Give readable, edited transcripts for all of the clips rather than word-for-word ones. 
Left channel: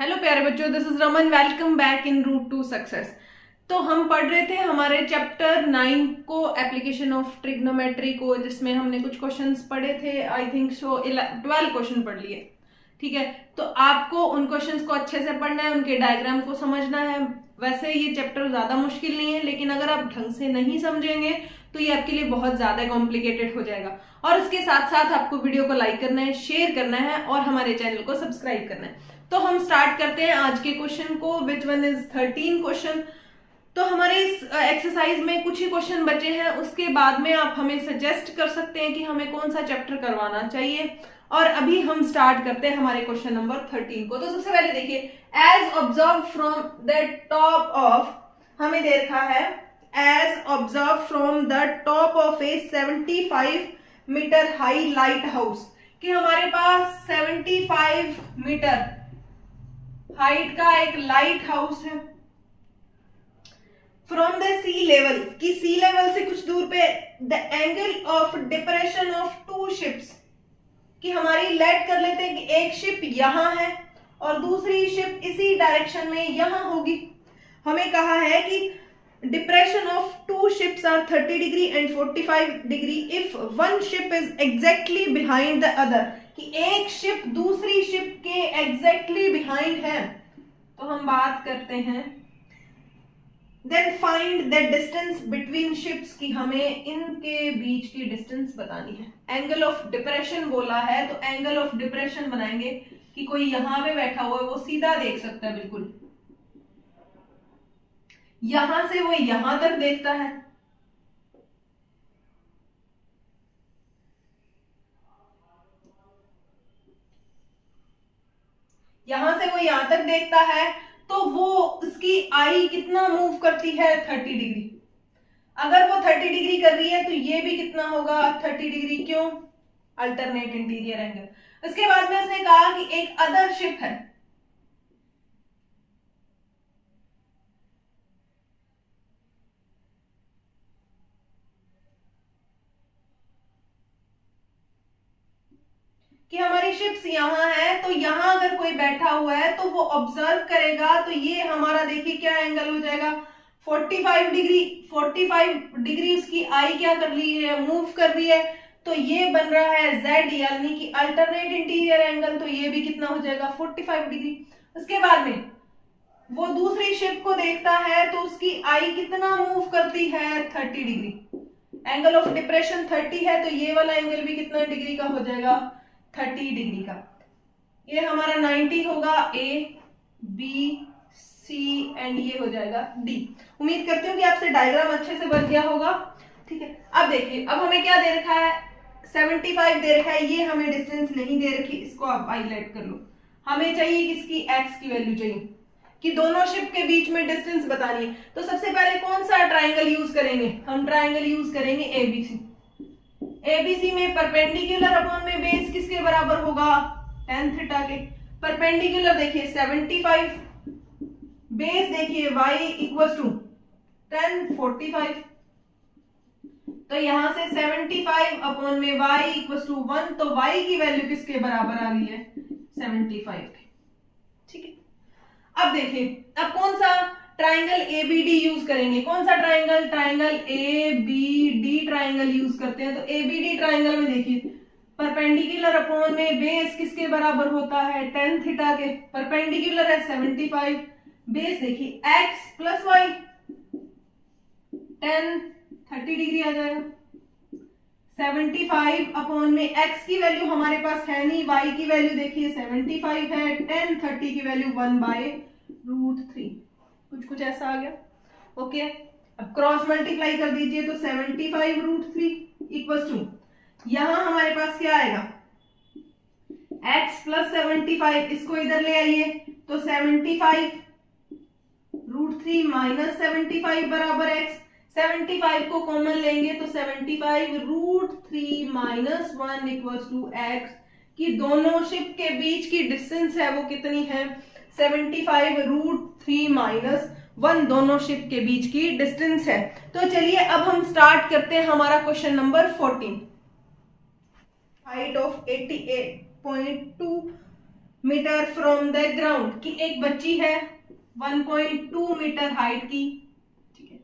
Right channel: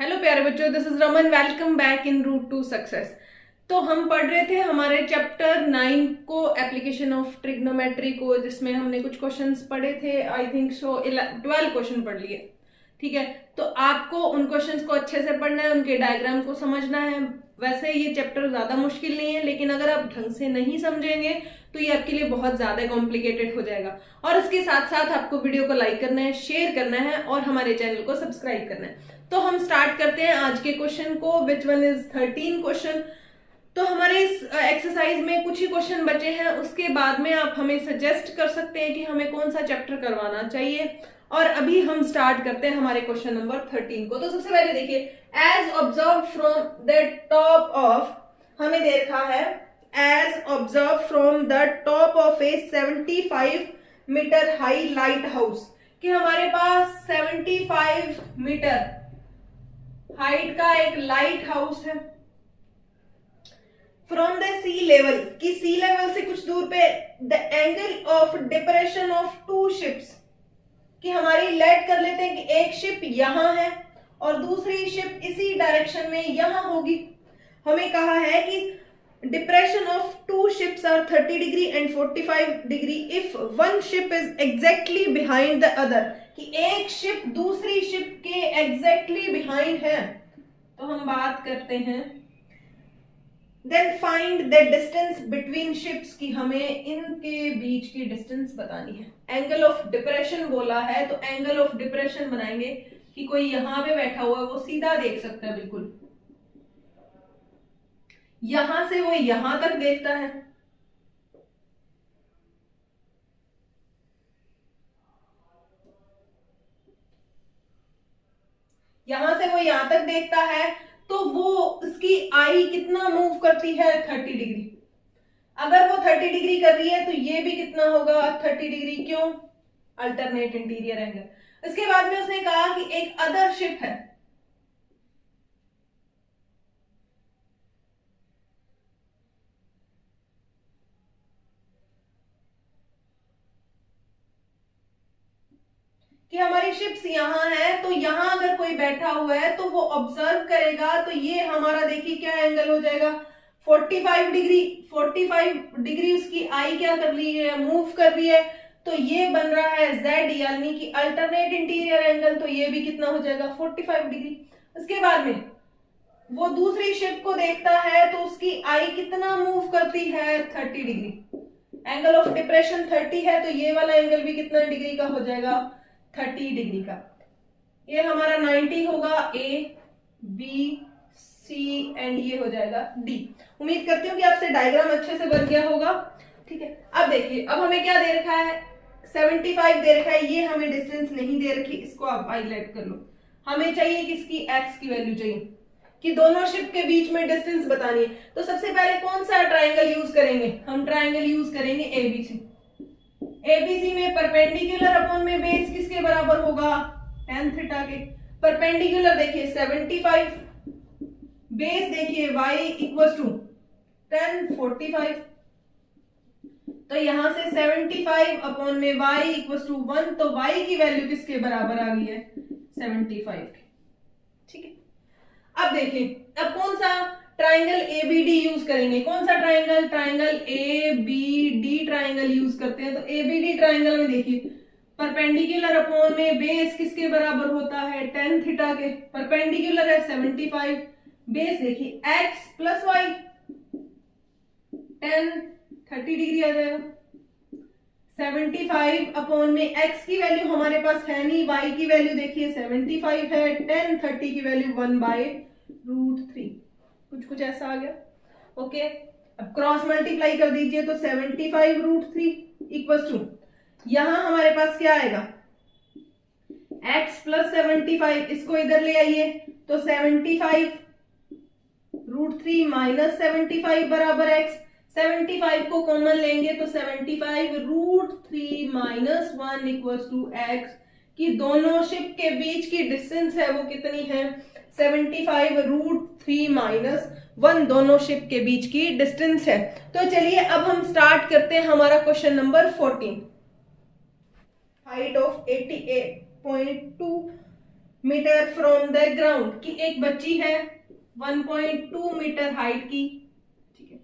Hello प्यारे बच्चों, this is Raman. Welcome back in root to success. तो हम पढ़ रहे थे हमारे चैप्टर 9 को, एप्लीकेशन ऑफ ट्रिग्नोमेट्री को, जिसमें हमने कुछ क्वेश्चंस पढ़े थे। आई थिंक सो 12 क्वेश्चन पढ़ लिए। ठीक है, तो आपको उन क्वेश्चंस को अच्छे से पढ़ना है, उनके डायग्राम को समझना है। वैसे ये चैप्टर ज्यादा मुश्किल नहीं है, लेकिन अगर आप ढंग से नहीं समझेंगे तो ये आपके लिए बहुत ज्यादा कॉम्प्लिकेटेड हो जाएगा। और इसके साथ साथ आपको वीडियो को लाइक करना है, शेयर करना है और हमारे चैनल को सब्सक्राइब करना है। तो हम स्टार्ट करते हैं आज के क्वेश्चन को, विच वन इज 13 क्वेश्चन। तो हमारे इस एक्सरसाइज में कुछ ही क्वेश्चन बचे हैं, उसके बाद में आप हमें सजेस्ट कर सकते हैं कि हमें कौन सा चैप्टर करवाना चाहिए। और अभी हम स्टार्ट करते हैं हमारे क्वेश्चन नंबर 13 को। तो सबसे पहले देखिए, as observe from the top of, हमें दे रखा है as observe from the top of a 75 metre high light house, कि हमारे पास 75 मीटर हाइट का एक लाइट हाउस है। फ्रॉम द सी लेवल, की सी लेवल से कुछ दूर पे, the angle of depression of two ships, कि हमारी लेट कर लेते हैं कि एक शिप यहां है और दूसरी शिप इसी डायरेक्शन में यहां होगी। हमें कहा है कि depression of two ships are 30 degree and 45 degree if one ship is exactly behind the other, कि एक शिप दूसरी शिप के एग्जैक्टली बिहाइंड है। तो हम बात करते हैं, then find the distance between ships, की हमें इनके बीच की डिस्टेंस बतानी है। एंगल ऑफ डिप्रेशन बोला है, तो एंगल ऑफ डिप्रेशन बनाएंगे कि कोई यहां पे बैठा हुआ है, वो सीधा देख सकता है, बिल्कुल यहां से वो यहां तक देखता है। यहां से वो यहां तक देखता है, तो वो उसकी आई कितना मूव करती है, 30 डिग्री। अगर वो 30 डिग्री कर रही है तो ये भी कितना होगा, 30 डिग्री। क्यों? Alternate interior angle. उसके बाद में उसने कहा कि एक अदर शिप है, कि हमारी शिप्स यहां है, तो यहां अगर कोई बैठा हुआ है तो वो ऑब्जर्व करेगा, तो ये हमारा देखिए क्या एंगल हो जाएगा, 45 डिग्री। 45 डिग्री उसकी आई क्या कर रही है, मूव कर रही है, तो ये बन रहा है Z, यानी कि अल्टरनेट इंटीरियर एंगल। तो ये भी कितना हो जाएगा, 45 डिग्री। उसके बाद में वो दूसरी शिप को देखता है, तो उसकी आई कितना मूव करती है, 30 डिग्री। एंगल ऑफ डिप्रेशन 30 है, तो ये वाला एंगल भी कितना डिग्री का हो जाएगा, 30 डिग्री का। ये हमारा 90 होगा, ए बी सी एंड ये हो जाएगा डी। उम्मीद करती हूँ कि आपसे डायग्राम अच्छे से बन गया होगा। ठीक है, अब देखिए, अब हमें क्या दे रखा है, 75 दे रखा है, ये हमें डिस्टेंस नहीं दे रखी, इसको आप हाईलाइट कर लो। हमें चाहिए किसकी, एक्स की वैल्यू चाहिए, कि दोनों शिप के बीच में डिस्टेंस बतानी है। तो सबसे पहले कौन सा ट्राइंगल यूज करेंगे, हम ट्राइंगल यूज करेंगे एबीसी। एबीसी में परपेंडिकुलर अपॉन में बेस किसके बराबर होगा, tan थीटा के। परपेंडिकुलर देखिए 75, बेस देखिए y इक्वल टू tan 45। तो यहां से 75 अपॉन में y इक्वल टू 1, तो y की वैल्यू किसके बराबर आ गई है, 75 की। ठीक है, अब देखिए, अब कौन सा ट्राइंगल एबीडी यूज करेंगे, कौन सा triangle, triangle ABD triangle use करते हैं। तो एबीडी ट्राइंगल में देखिए, परपेंडिकुलर अपॉन में बेस किसके बराबर होता है, tan थीटा के। परपेंडिकुलर है 75, बेस देखिए x plus Y, tan 30 degree आ जाएगा। 75 अपॉन में x की वैल्यू हमारे पास है नहीं, y की वैल्यू देखिए 75 है, tan 30 की वैल्यू 1/√3, कुछ ऐसा आ गया। ओके, अब क्रॉस मल्टीप्लाई कर दीजिए, तो 75√3 इक्वल टू, यहां हमारे पास क्या आएगा, x प्लस 75, इसको इधर ले आइए, तो 75√3 माइनस 75 बराबर x। 75 को कॉमन लेंगे तो 75√3 माइनस 1 इक्वल टू x, कि दोनों शिप के बीच की डिस्टेंस है वो कितनी है, 75√3 माइनस 1 दोनों शिप के बीच की डिस्टेंस है। तो चलिए अब हम स्टार्ट करते हैं हमारा question number 14। Height of 88.2 metre from the ground, कि एक बच्ची है 1.2 मीटर हाइट की, ठीक है,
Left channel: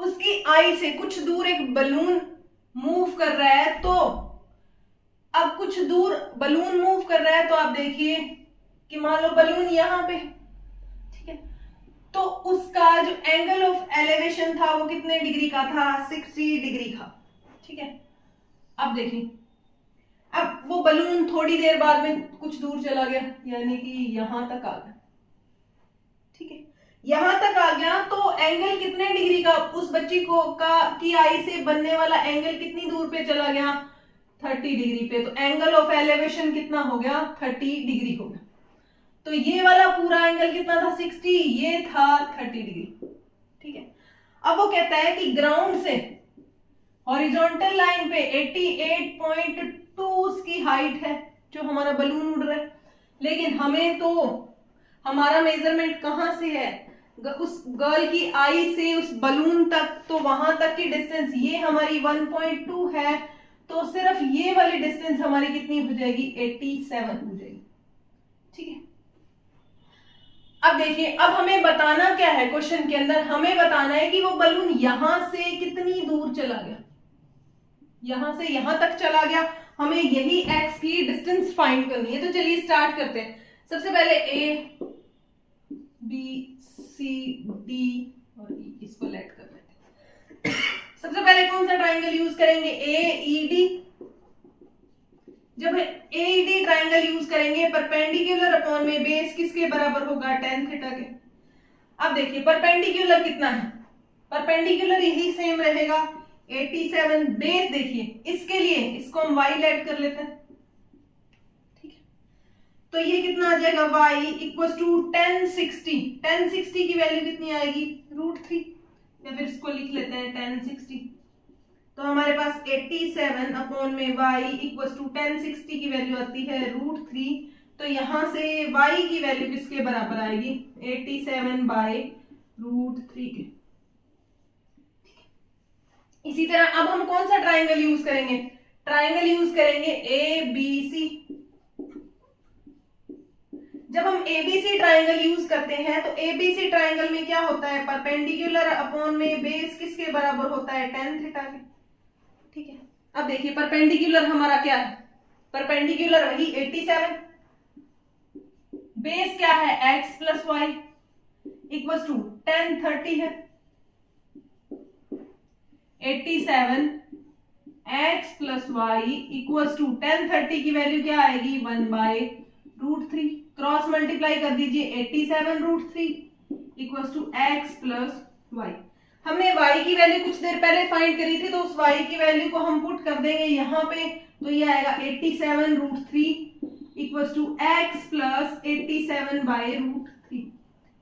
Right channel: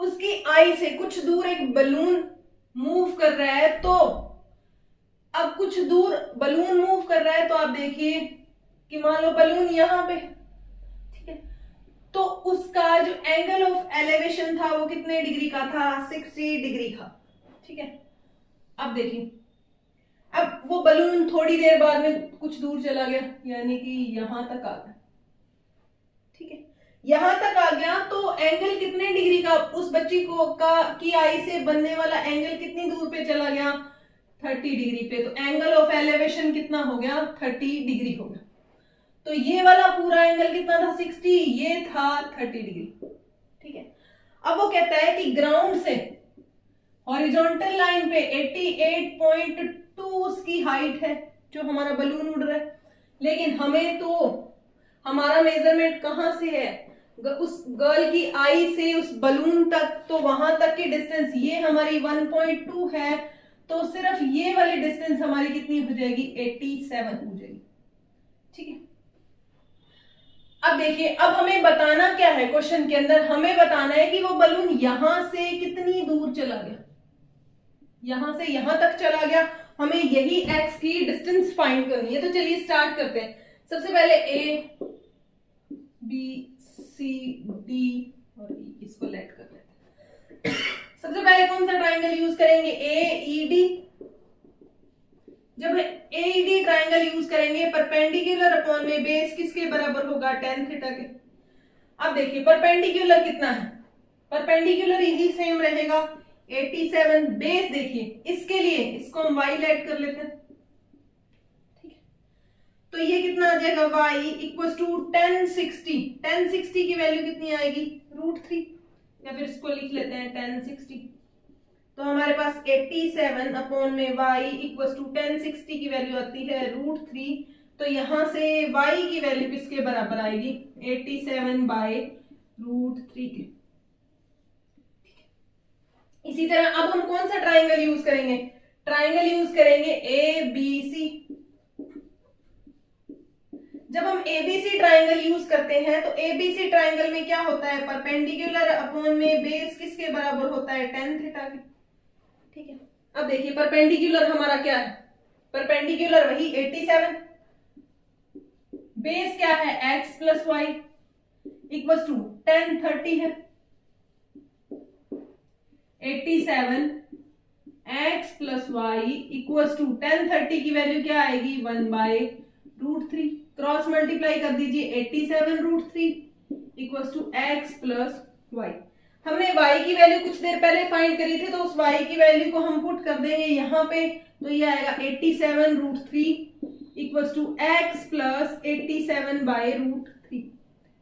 उसकी आई से कुछ दूर एक बलून मूव कर रहा है, तो अब कुछ दूर बलून मूव कर रहा है, तो आप देखिए कि मान लो बलून यहां पे, ठीक है, तो उसका जो एंगल ऑफ एलिवेशन था वो कितने डिग्री का था, 60 डिग्री का, ठीक है। अब देखिए, अब वो बलून थोड़ी देर बाद में कुछ दूर चला गया, यानी कि यहां तक आ गया, ठीक है, यहां तक आ गया, तो एंगल कितने डिग्री का उस बच्ची को की आई से बनने वाला एंगल कितनी दूर पे चला गया, 30 डिग्री पे। तो एंगल ऑफ एलिवेशन कितना हो गया, 30 डिग्री हो गया। तो ये वाला पूरा एंगल कितना था, 60, ये था 30 डिग्री, ठीक है। अब वो कहता है कि ग्राउंड से हॉरिजॉन्टल लाइन पे 88.2 उसकी हाइट है, जो हमारा बलून उड़ रहा है, लेकिन हमें तो हमारा मेजरमेंट कहां से है, उस गर्ल की आई से उस बलून तक, तो वहां तक की डिस्टेंस ये हमारी 1.2 है, तो सिर्फ ये वाली डिस्टेंस हमारी कितनी हो जाएगी, 87 हो जाएगी, ठीक है। अब देखिए, अब हमें बताना क्या है, क्वेश्चन के अंदर हमें बताना है कि वो बलून यहां से कितनी दूर चला गया, यहां से यहां तक चला गया, हमें यही एक्स की डिस्टेंस फाइंड करनी है। तो चलिए स्टार्ट करते हैं। सबसे पहले ए बी सी डी और ई, इसको लेट कर लेते हैं। सबसे पहले कौन सा ट्राइंगल यूज करेंगे, ए ई डी। जब ए ई डी ट्राइंगल यूज करेंगे, परपेंडिकुलर अपॉन में बेस किसके बराबर होगा, tan थीटा के। अब देखिए परपेंडिकुलर कितना है, परपेंडिकुलर यही सेम रहेगा 87। बेस देखिए, इसके लिए इसको हम y लेट कर लेते हैं, ठीक है। तो ये कितना आ जाएगा, y इक्वल टू 1060। 1060 की वैल्यू कितनी आएगी, √3, या फिर इसको लिख लेते हैं 1060। तो हमारे पास 87 अपॉन में y इक्वल टू 1060 की वैल्यू आती है √3। तो यहां से y की वैल्यू किसके बराबर आएगी, 87/√3 के। इसी तरह अब हम कौन सा ट्राइंगल यूज करेंगे, ट्राइंगल यूज करेंगे ए बी सी। जब हम एबीसी ट्राइंगल यूज करते हैं, तो एबीसी ट्राइंगल में क्या होता है, परपेंडिकुलर अपॉन में बेस किसके बराबर होता है, tan थीटा के, ठीक है। अब देखिए परपेंडिकुलर हमारा क्या है, परपेंडिकुलर वही 87, बेस क्या है x plus y equal to tan 30 है, 87 x plus y equal to tan 30 की वैल्यू क्या आएगी, 1/√3। क्रॉस मल्टीप्लाई कर दीजिए, 87√3 equal to x plus y. हमने y की वैल्यू कुछ देर पहले फाइंड करी थी, तो उस y की वैल्यू को हम पुट कर देंगे यहाँ पे, तो ये आएगा 87√3 इक्वल टू x प्लस 87/√3।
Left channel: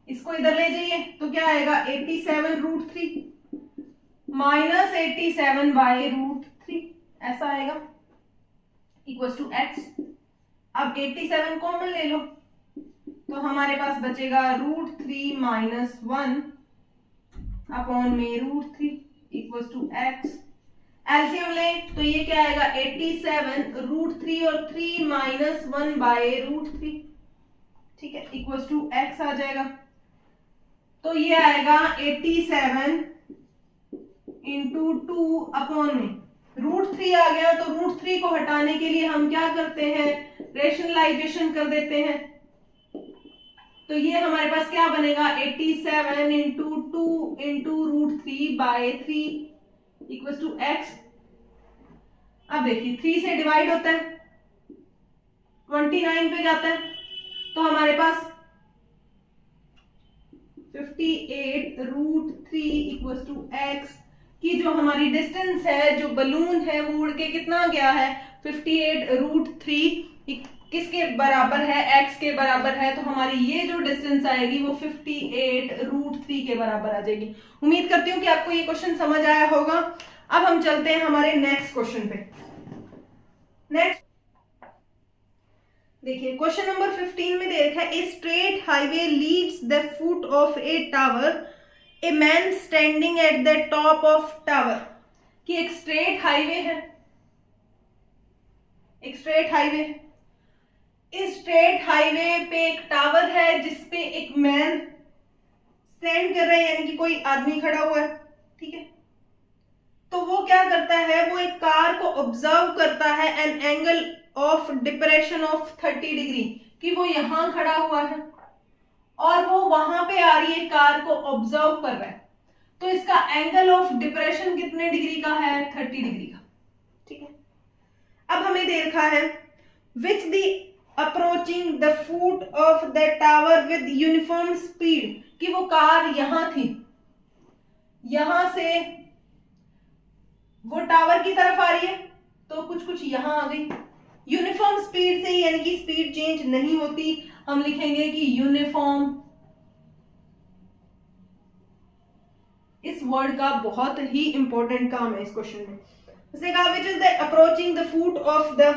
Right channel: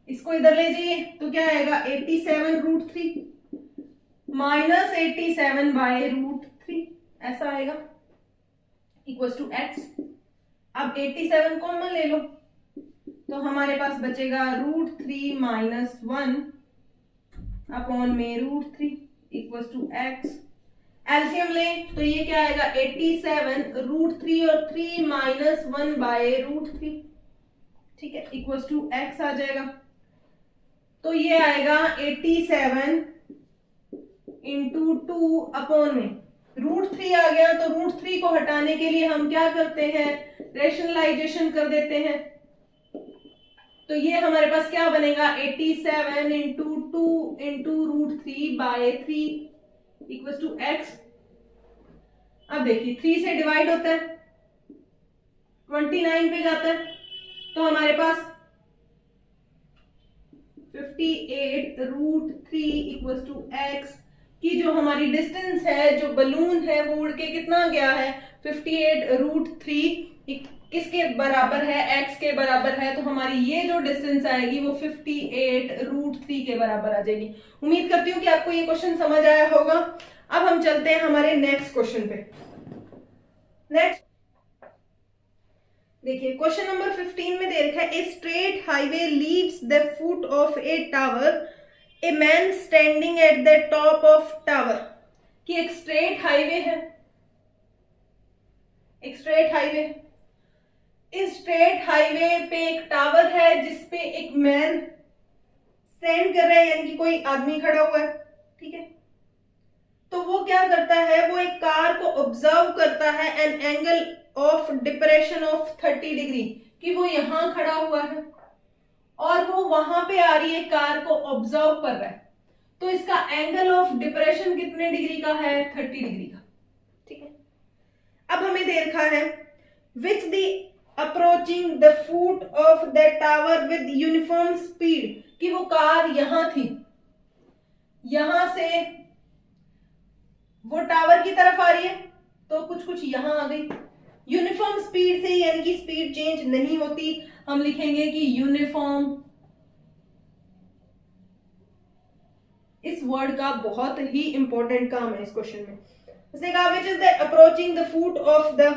इसको इधर ले जाइए, तो क्या आएगा, 87√3 माइनस 87/√3, ऐसा आएगा, इक्वल टू x। अब 87 कॉमन ले लो, तो हमारे पास बचेगा √3 माइनस 1 अपॉन में √3 इक्वल टू x। एलसीएम ले, तो ये क्या आएगा, 87 √3 और 3 माइनस 1/√3, ठीक है, इक्वल टू x आ जाएगा। तो ये आएगा 87 इंटू 2 अपॉन में √3 आ गया। तो √3 को हटाने के लिए हम क्या करते हैं, रेशनलाइजेशन कर देते हैं। तो ये हमारे पास क्या बनेगा, 87 into 2 into √3/3 equal to x। अब देखिए 3 से डिवाइड होता है, 29 पे जाता है, तो हमारे पास 58√3 इक्वल टू x की जो हमारी डिस्टेंस है, जो बलून है वो उड़ के कितना गया है, 58√3 किसके बराबर है, x के बराबर है। तो हमारी ये जो डिस्टेंस आएगी वो 58√3 के बराबर आ जाएगी। उम्मीद करती हूँ कि आपको ये क्वेश्चन समझ आया होगा। अब हम चलते हैं हमारे नेक्स्ट क्वेश्चन पे। नेक्स्ट देखिए क्वेश्चन नंबर 15 में दे रखा है, a straight highway leads the foot of A tower, a man standing at the top of tower. कि एक स्ट्रेट हाईवे है, एक स्ट्रेट हाईवे स्ट्रेट हाईवे पे एक टावर है जिसपे एक मैन स्टैंड कर रहा है, यानी कि कोई आदमी खड़ा हुआ है, ठीक है। तो वो क्या करता है, वो एक कार को ऑब्जर्व करता है an angle of depression of 30 degree, कि वो यहां खड़ा हुआ है और वो वहां पे आ रही है, कार को ऑब्जर्व कर रहा है। तो इसका एंगल ऑफ डिप्रेशन कितने डिग्री का है, 30 डिग्री का, ठीक है। अब हमें दे रखा है which the approaching the foot of the tower with uniform speed, कि वो कार यहां थी, यहां से वो टावर की तरफ आ रही है, तो कुछ कुछ यहां आ गई यूनिफॉर्म स्पीड से, यानी कि स्पीड चेंज नहीं होती। हम लिखेंगे कि यूनिफॉर्म, इस वर्ड का बहुत ही इंपॉर्टेंट काम है इस क्वेश्चन में। उसने कहा which is the approaching the foot of the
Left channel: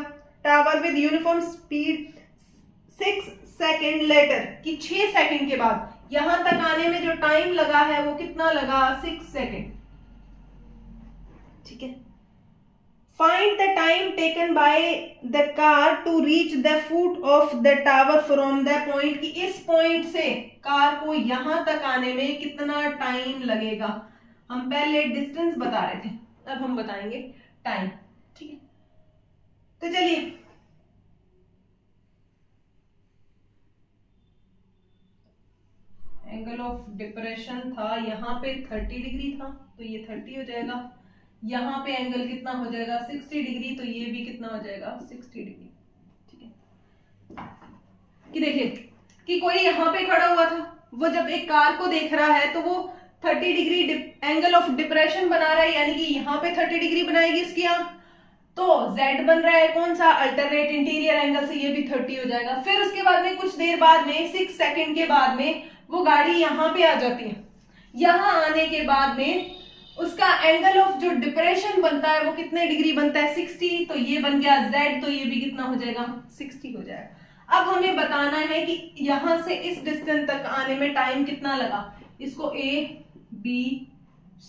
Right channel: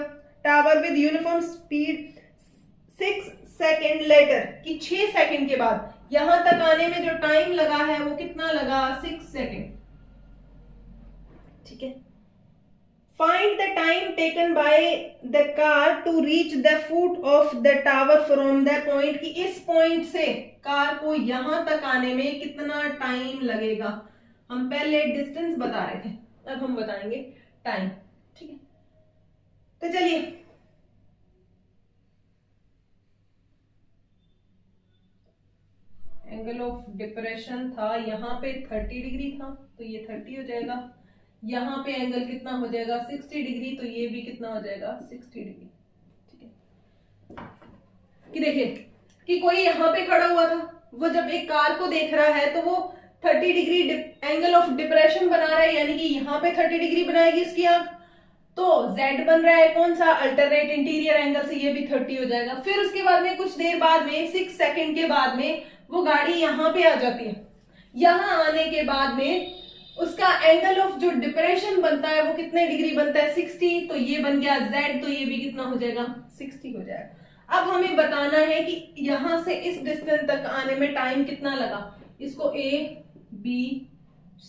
tower with uniform speed 6 second later, कि 6 सेकेंड के बाद, यहां तक आने में जो टाइम लगा है वो कितना लगा, 6 सेकेंड, ठीक है। Find the time taken by the car to reach the foot of the tower from the point, कि इस पॉइंट से कार को यहां तक आने में कितना टाइम लगेगा। हम पहले डिस्टेंस बता रहे थे, अब हम बताएंगे टाइम, ठीक है। तो चलिए, एंगल ऑफ डिप्रेशन था यहां पे 30 डिग्री था, तो ये 30 हो जाएगा। यहां पे एंगल कितना हो जाएगा, 60 डिग्री, तो ये भी कितना हो जाएगा, 60 डिग्री, ठीक है। कि देखिए कि कोई यहां पे खड़ा हुआ था, वो जब एक कार को देख रहा है तो वो 30 डिग्री एंगल ऑफ डिप्रेशन बना रहा है, यानी कि यहाँ पे 30 डिग्री बनाएगी उसकी आंख, तो Z बन रहा है कौन सा, अल्टरनेट इंटीरियर एंगल से, ये भी 30 हो जाएगा। फिर उसके बाद में कुछ देर बाद में 6 सेकंड के बाद में वो गाड़ी यहाँ पे आ जाती है। यहाँ आने के बाद में उसका एंगल ऑफ जो डिप्रेशन बनता है वो कितने डिग्री बनता है, 60, तो ये बन गया Z, तो ये भी कितना हो जाएगा, 60 हो जाएगा। अब हमें बताना है कि यहां से इस डिस्टेंस तक आने में टाइम कितना लगा। इसको A, B,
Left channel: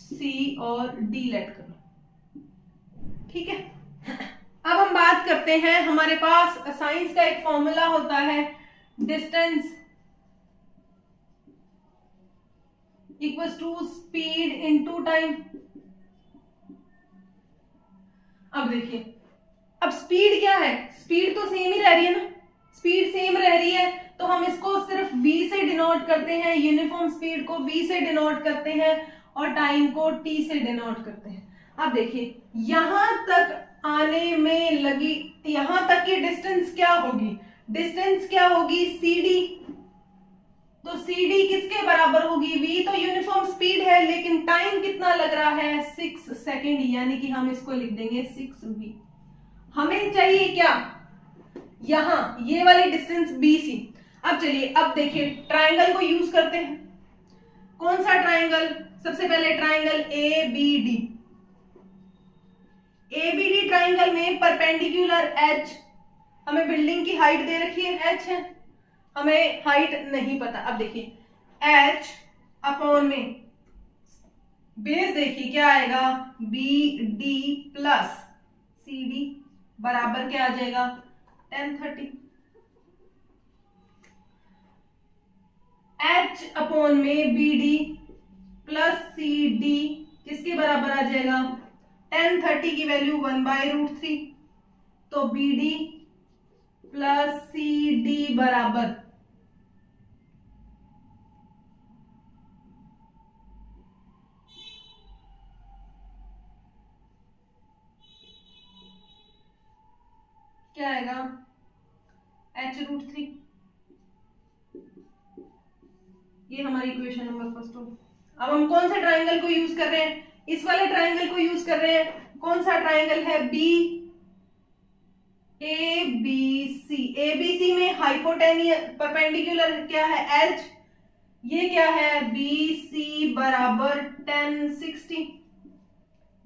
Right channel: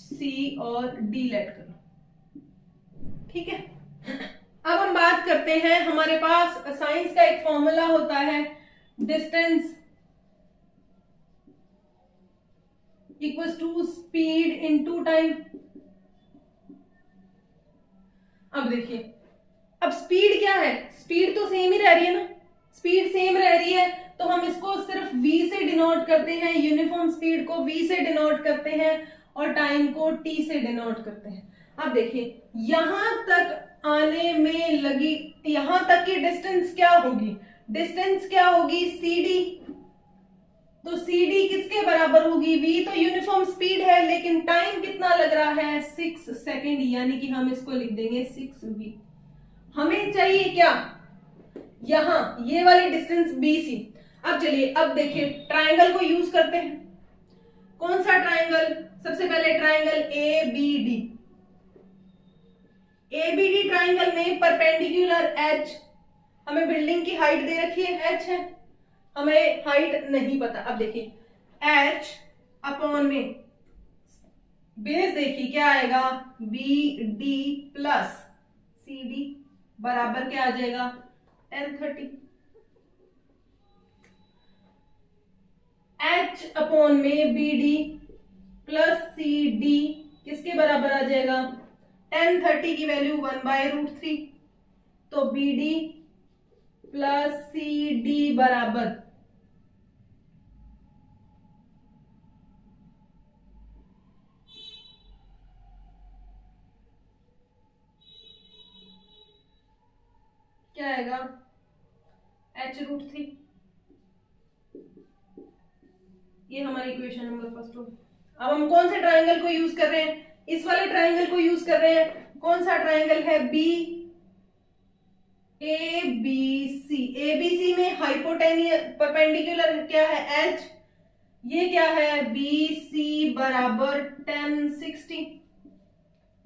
C और D लेट करो, ठीक है। अब हम बात करते हैं, हमारे पास साइंस का एक फॉर्मूला होता है, distance equals to speed into time. अब देखिए, अब स्पीड क्या है, स्पीड तो सेम ही रह रही है ना, स्पीड सेम रह रही है, तो हम इसको सिर्फ v से डिनोट करते हैं, यूनिफॉर्म स्पीड को v से डिनोट करते हैं और टाइम को t से डिनोट करते हैं। अब देखिए, यहां तक आने में लगी, यहां तक की डिस्टेंस क्या होगी, डिस्टेंस क्या होगी, cd, तो cd किसके बराबर होगी, v तो यूनिफॉर्म स्पीड है, लेकिन टाइम कितना लग रहा है, 6 सेकेंड, यानी कि हम इसको लिख देंगे 6v। हमें चाहिए क्या, यहां ये वाली डिस्टेंस BC। अब चलिए, अब देखिए ट्राइंगल को यूज करते हैं। कौन सा ट्राइंगल, सबसे पहले ट्राइंगल ABD। ABD ट्राइंगल में परपेंडिकुलर H, हमें बिल्डिंग की हाइट दे रखी है, H है, हमें हाइट नहीं पता। अब देखिए H अपॉन में बेस देखिए क्या आएगा, BD प्लस CD बराबर क्या आ जाएगा, 1030। H अपॉन में BD प्लस CD किसके बराबर आ जाएगा, 1030 की वैल्यू 1/√3, तो BD प्लस CD बराबर क्या आएगा, h√3। ये हमारी इक्वेशन नंबर फर्स्ट होगी। अब हम कौन सा ट्राइंगल को यूज कर रहे हैं, इस वाले ट्राइंगल को यूज कर रहे हैं। कौन सा ट्राइंगल है, ABC में हाइपोटेनियस परपेंडिकुलर क्या है, H, ये क्या है, BC बराबर 1060,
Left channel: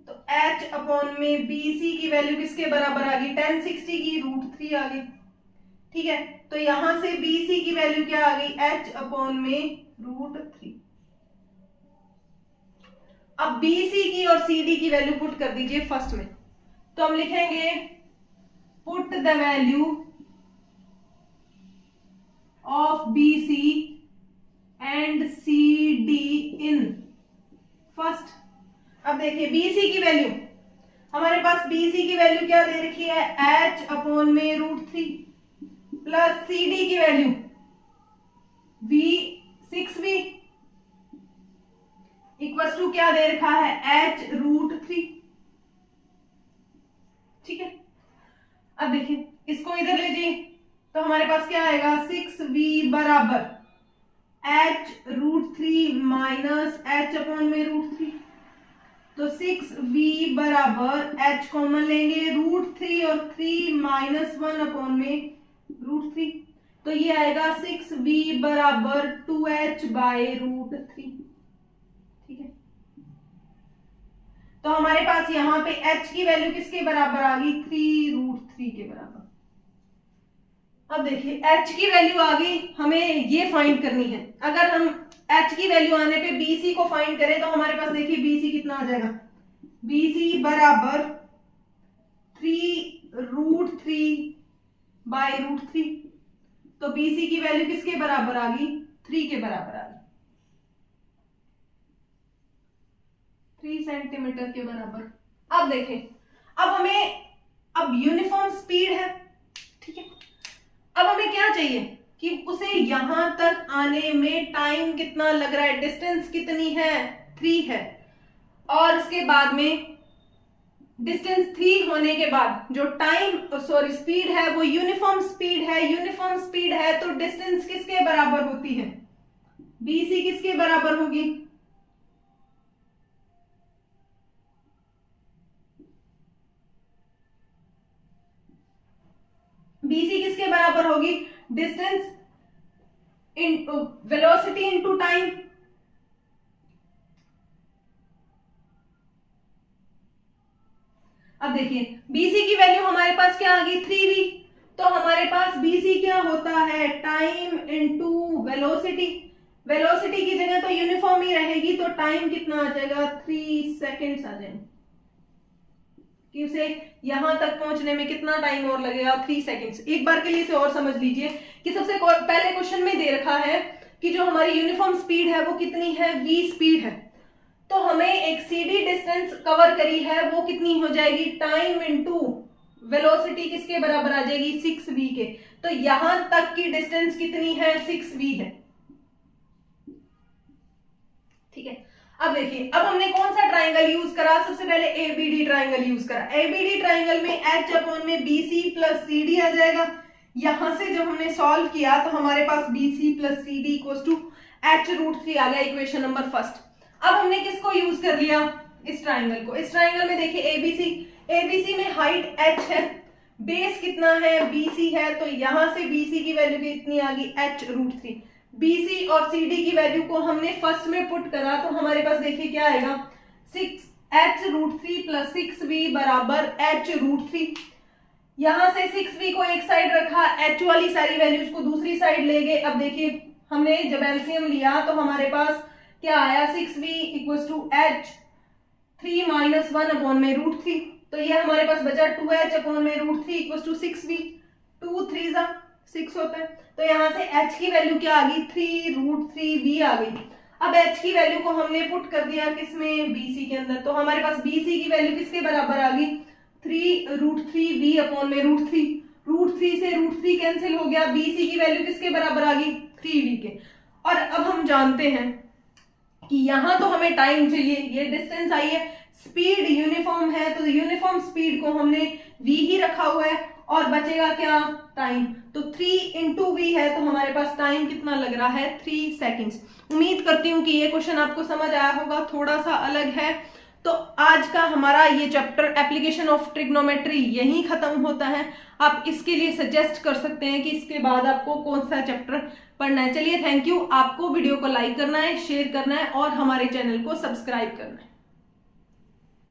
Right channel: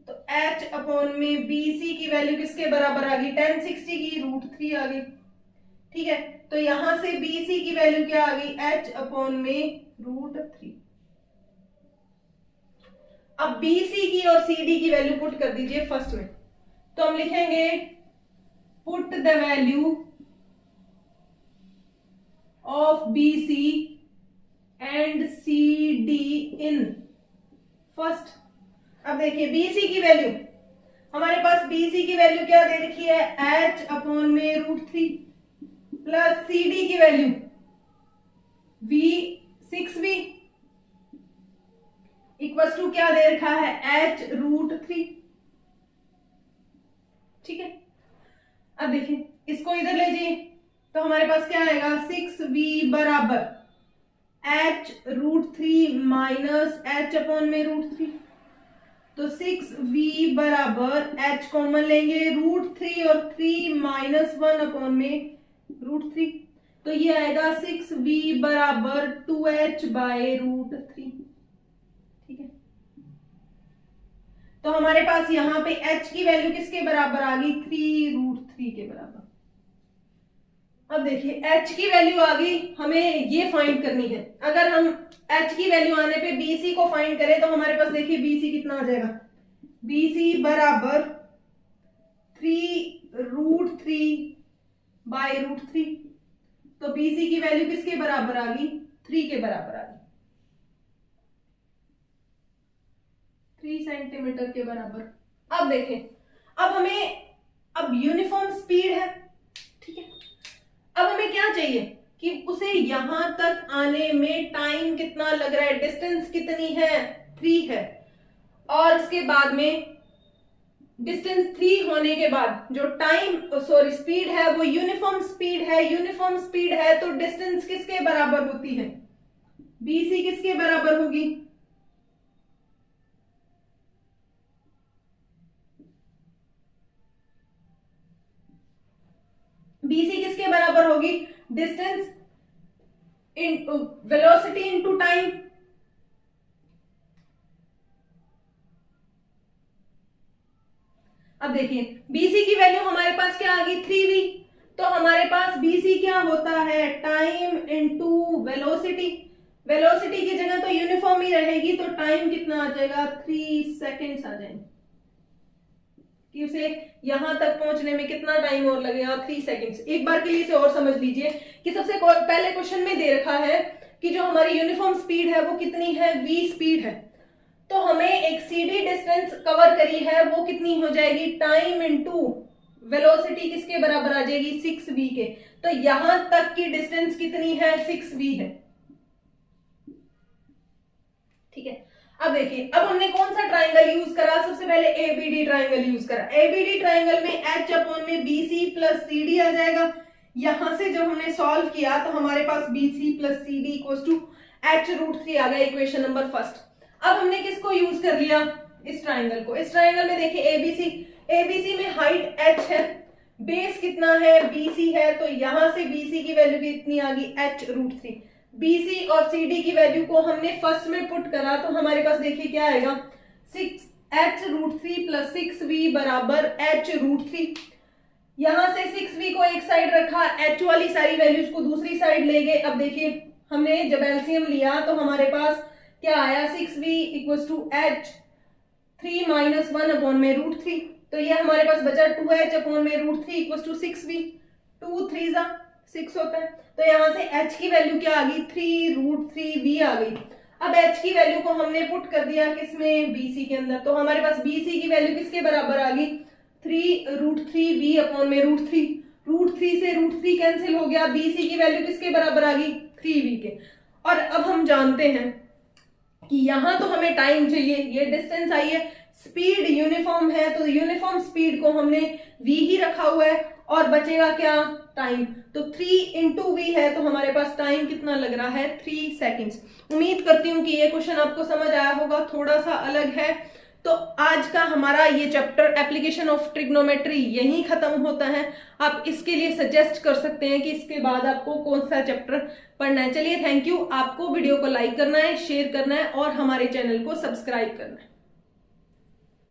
तो H अपॉन में BC की वैल्यू किसके बराबर आ गई, 1060 की √3 आ गई, ठीक है। तो यहां से BC की वैल्यू क्या आ गई, H अपॉन में √3। अब BC की और CD की वैल्यू पुट कर दीजिए फर्स्ट में, तो हम लिखेंगे put the value of BC and CD in first. अब देखिए BC की वैल्यू, हमारे पास BC की वैल्यू क्या दे रखी है, h/√3 प्लस CD की वैल्यू V6V इक्वल टू क्या दे रखा है, h√3। ठीक है, अब देखिए इसको इधर ले जाइए तो हमारे पास क्या आएगा, 6V बराबर h√3 माइनस h/√3। तो 6V बराबर h कॉमन लेंगे √3 और 3 माइनस 1/√3। तो ये आएगा 6V बराबर 2h/√3। ठीक है, तो हमारे पास यहां पे h की वैल्यू किसके बराबर आ गई, 3√3 के बराबर। अब देखिए h की वैल्यू आ गई, हमें ये फाइंड करनी है। अगर हम h की वैल्यू आने पे BC को फाइंड करें तो हमारे पास देखिए BC कितना आ जाएगा, BC बराबर 3√3/√3। तो BC की वैल्यू किसके बराबर आ गई, 3 के बराबर आ गई, 3 सेंटीमीटर के बराबर। अब देखें, अब हमें अब यूनिफॉर्म स्पीड है। ठीक है, अब हमें क्या चाहिए कि उसे यहां तक आने में टाइम कितना लग रहा है, डिस्टेंस कितनी है, 3 है। और इसके बाद में डिस्टेंस 3 होने के बाद जो स्पीड है वो यूनिफॉर्म स्पीड है। यूनिफॉर्म स्पीड है तो डिस्टेंस किसके बराबर होती है, BC किसके बराबर होगी, BC किसके बराबर होगी, distance into velocity into time. अब देखिए BC की वैल्यू हमारे पास क्या आ गई, 3V। तो हमारे पास BC क्या होता है, टाइम इनटू वेलोसिटी। वेलोसिटी की जगह तो यूनिफॉर्म ही रहेगी, तो टाइम कितना आ जाएगा, 3 सेकेंड्स आ जाएंगे। कि उसे यहां तक पहुंचने में कितना टाइम और लगेगा, 3 सेकेंड्स। एक बार के लिए इसे और समझ लीजिए कि सबसे पहले क्वेश्चन में दे रखा है कि जो हमारी यूनिफॉर्म स्पीड है वो कितनी है, V स्पीड है। तो हमें एक CD डिस्टेंस कवर करी है, वो कितनी हो जाएगी, टाइम इनटू वेलोसिटी किसके बराबर आ जाएगी, 6V के। तो यहां तक की डिस्टेंस कितनी है, 6V है। ठीक है, अब देखिए, अब हमने कौन सा ट्राइंगल यूज करा, सबसे पहले ABD ट्राइंगल यूज करा। ABD ट्राइंगल में h/BC प्लस CD आ जाएगा। यहां से जब हमने सॉल्व किया तो हमारे पास BC plus CD equal to h√3 आ गया, इक्वेशन नंबर फर्स्ट। अब हमने किसको यूज कर लिया, इस ट्राइंगल को। इस ट्राइंगल में देखिए ABC में हाइट h है, बेस कितना है, BC है। तो यहां से BC की वैल्यू कितनी आ गई, h√3। BC और CD की वैल्यू को हमने फर्स्ट में पुट करा तो हमारे पास देखिए क्या आएगा, 6h√3 प्लस 6V बराबर h√3। यहां से 6V को एक साइड रखा, h वाली सारी वैल्यूज को दूसरी साइड ले गए। अब देखिए हमने जब एलसीएम लिया तो हमारे पास क्या आया, 6V equal to h3 minus 1/√3। तो ये हमारे पास बचा 2h/√3 इक्वल टू 6V। 2 3 6 होता है। तो यहां से h की वैल्यू क्या आ गई, 3√3V आ गई। अब h की वैल्यू को हमने पुट कर दिया किसमें, BC के अंदर। तो हमारे पास BC की वैल्यू किसके बराबर आ गई, 3√3V/√3। √3 से √3 कैंसिल हो गया, BC की वैल्यू किसके बराबर आ गई, 3V के। और अब हम जानते हैं कि यहां तो हमें टाइम चाहिए, ये डिस्टेंस आई है, स्पीड यूनिफॉर्म है, तो यूनिफॉर्म स्पीड को हमने V ही रखा हुआ है और बचेगा क्या, टाइम। तो 3 × V है, तो हमारे पास टाइम कितना लग रहा है, 3 सेकेंड्स। उम्मीद करती हूँ कि ये क्वेश्चन आपको समझ आया होगा, थोड़ा सा अलग है। तो आज का हमारा ये चैप्टर एप्लीकेशन ऑफ ट्रिग्नोमेट्री यहीं खत्म होता है। आप इसके लिए सजेस्ट कर सकते हैं कि इसके बाद आपको कौन सा चैप्टर पढ़ना है। चलिए, थैंक यू। आपको वीडियो को लाइक करना है, शेयर करना है और हमारे चैनल को सब्सक्राइब करना है।